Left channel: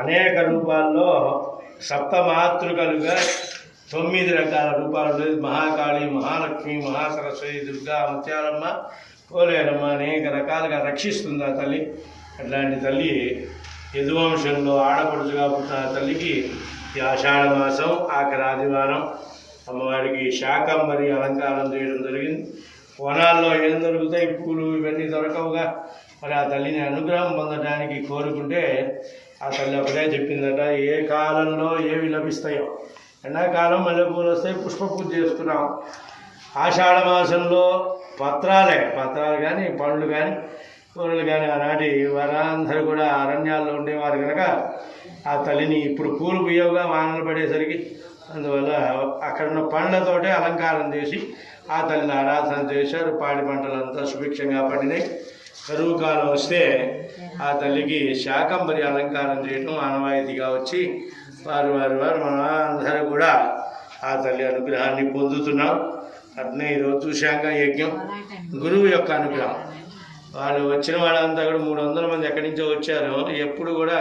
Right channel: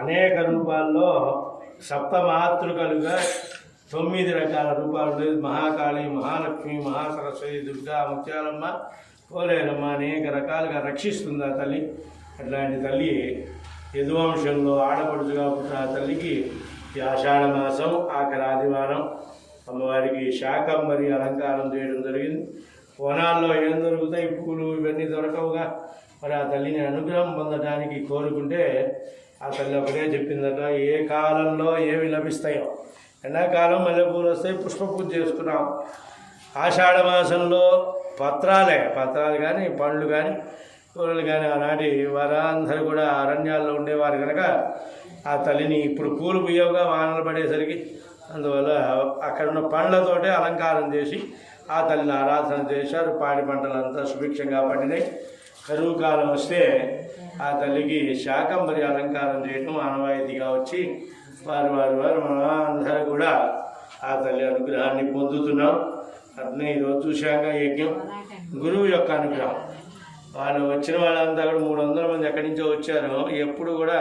అనేక రూపాల్లో సప్తమాతృకలుగా 9 రకాల రూపాలు మహాకాళి, మహాలక్ష్మి, మహాసరస్వతి, దుర్గా, ముత్యాలమ్మ, పోలేరమ్మ అనేక రకాలుగా రక్షిస్తుంది ఆ తల్లి. అట్లాంటి తల్లి యదువంశంలో ఆడపడుచుగా పుట్టిన తల్లికి ఈ ఆషాఢ మాసం ఆఖరి ఆదివారం అమ్మవారికి శాకంబరి అలంకారం చేయడం జరిగింది. వనాల్లో ఏం దొరుకుతాయి, పూలు ఇవన్నీ దొరకవుగా. మరి ఆ తల్లిని అనుగ్రహం పొందడానికి కోరుకుంటే ఆ తల్లి ఒకటే చెప్పిందట, ఏ కాలంలో ఏవి లభిస్తాయో. ఎండాకాలం మల్లెపూలు వస్తాయి, పుష్ప పూజ చేసుకున్నాం. ఆషాఢ మాసంలో పత్రాలు కానీ పండ్లు కానీ కూరలు కానీ ఆనాటి వారందరూ కూడా అరణ్యాల్లో ఉండేవారు కనుక ఆ తల్లిని ఇప్పుడు పూలు పుయ్యవుగా వానలు పడేసరికి అందువల్ల అక్కడ ఉన్న పండ్లతోటే అలంకారం చేసి ఆ తల్లిని ఆరాధన చేశారు. పాడి పంటలంతా సుభిక్షంగా పండినాయి. కరువు కాలం వస్తే ఆ తల్లికి శాకంబరి అలంకారం చేయడం ఆనవాయితీగా వచ్చి వారు మన అందరూ కూడా ఆ తల్లి అనుగ్రహాన్ని పొందుతున్నాం. అట్నే ఈరోజు చూశాక యజ్ఞం గురువు యొక్క అనుగ్రహం. వాళ్ళు వచ్చిన వాళ్ళంతా కూడా 300 మంది ఎక్కడి నుంచో వచ్చారు. ఎప్పుడు కూడా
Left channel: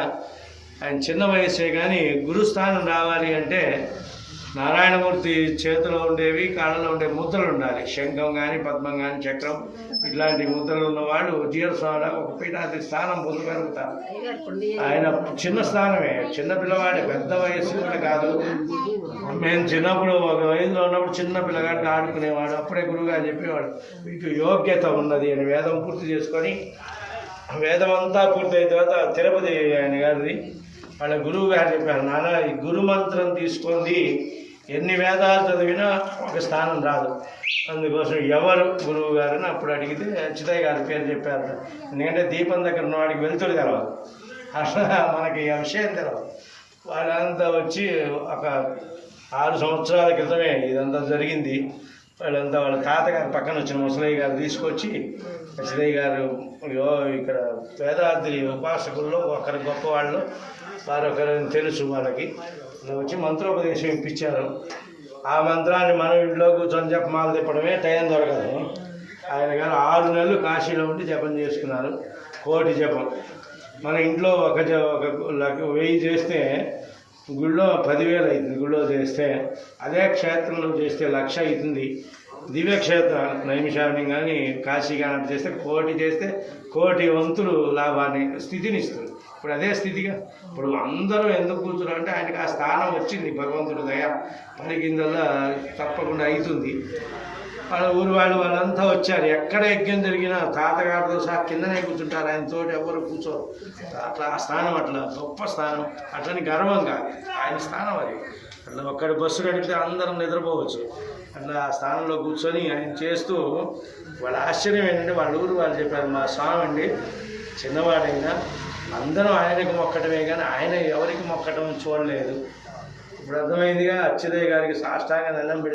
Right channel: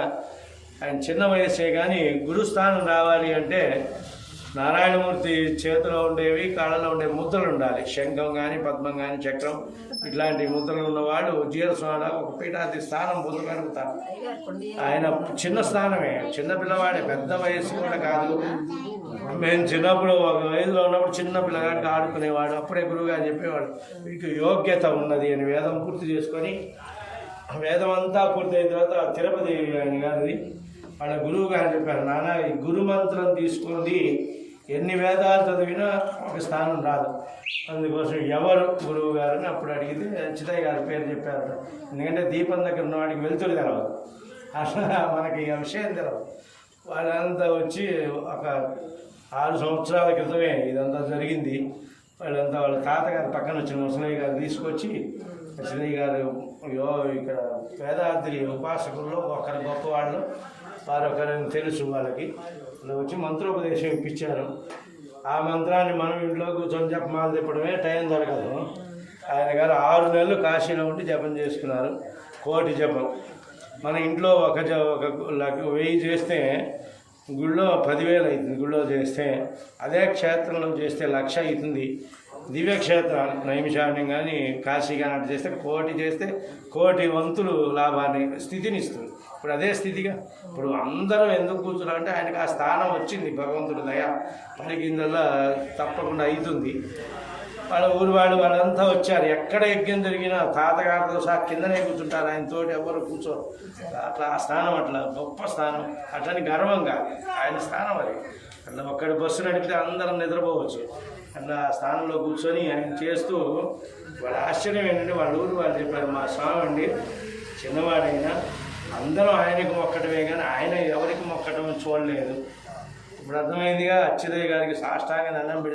ఆయన చిన్న వయస్సే కానీ గురుస్థానం రావాలి అంటే నారాయణమూర్తి చేతిలో ఉండేవి, కాళ్ళలో ఉండే ముద్రలు ఉండాలి. శంఖం కానీ పద్మం కానీ చక్రం ఇట్లాంటి ముద్రలు ఉన్నవాడు జీవస్వామి ఒక పీఠాది స్థానం పొందగలుగుతారు. ఆయన చిన్న స్థానమే, చిన్న పిల్లవాడే, పెద్ద వయస్సు కూడా కాదు. మేము చిన్నప్పుడు ఒక వయసులో ఉన్నప్పుడు చిన్న పిల్లగాడికి ఆడుకునేవాడు. అప్పుడే గురువుగారు చెప్పేవాడు, మీకు యోగ్యత ఉన్నది అని. వేదం పూర్తి చేసుకొని వేదం అంతా పూర్తయిన తర్వాత తిరుపతి ఆయన గారిది వాళ్ళ గురువు గారు చెప్పారు, నాన్న ఈ గురు మంత్రం తీసుకుంది ఎన్ని వేదాలు చదివినా ఒక స్థానం రాదు. అందుకోసం ఎవరు గురువు గారని అప్పుడు అడిగితే చితయ్య గారి పేరు చెప్పారు. ఎందుకంటే దీపం దగ్గర ఉన్నవాడికి వెలుతురు తెలవదు, అట్లా మనకి ఆ విషయం తెలవదు. వాళ్ళంతా వచ్చి ఒక 6 సంవత్సరాల క్రితమే ఇదంతా జరిగింది. వాళ్ళంతా వాళ్ళ తాతగారు పక్కన వచ్చిన ముసలయ్య గారు తీసుకొచ్చి, చితయ్య గారు ఇక్కడ వేదాద్రి ఉపాసకుల్లో ఒకరి గొప్పవాళ్ళు, వారొకరిని తెలుసు వాళ్ళకి, వచ్చి మంత్రోపదేశం ఇప్పించారు. ఆ మంత్రాన్ని మనం ఇంట్లో కూర్చొని జపమాలు తిప్పడమే టైం దొరకదు. ఆయన గారు 6 నెలలు కాశీలో ఉండి జపం చేసుకున్నారు. 1,000,000 జపం. మన ఇంట్లో ఒక 1000 చేస్తే గుళ్ళో 10,000 అవుతుంది. గుళ్ళో చేస్తే అదే క్షేత్రంలో చేస్తే 1,00,000 అవుతుంది. దివ్యక్షేత్రాలు నైమిషారణ్యం కానీ కాశీ కానీ అటు చేస్తే 1,000,000 చేస్తే 1,000,000 వంతులు లాభాన్ని స్థితిని ఇస్తుంది. ఇప్పుడు అదే స్థితిగా ఇప్పుడు అందరూ ఎందుకు కూర్చున్నారంటే ఆయనకి ఆ స్థానం వచ్చింది. భగవంతుడి దయ పలికిందల్లా తప్పకుండా అవుతుంది. వాళ్ళ ఊరి వాళ్ళంతా వచ్చారు. ఎక్కడ యజ్ఞం జరిగినా తాతగారితో సహా కిందనే కూర్చుంటారు. ఆయనతోటి ఎవరు కూర్చోరు. అట్లా ఆ స్థానం అట్లా గొప్ప స్థానం. అట్లని గర్వం కాదు, ఆయన స్థానం అది. అట్లా ఒక్కడి బస్సు నడిపితే అందరం నిద్రపోవచ్చు. అట్లా ఆ స్థానంలో కూర్చొని ఆయన చేస్తూ వాళ్ళ ఆశ్చర్యం ఏంటంటే వాళ్ళ ఊరు వాళ్ళు చెప్పారు, మా స్వామి అండి చిన్నవాడైనా అందరం ఆయనకు మొక్కటమే కానీ ఆయన ఎవరికి మొక్కటం చూడలేదు. ఇప్పుడు అర్థమైందిగా. అచ్యుతయ్య గారికి సాష్టాంగ దండం పెట్టి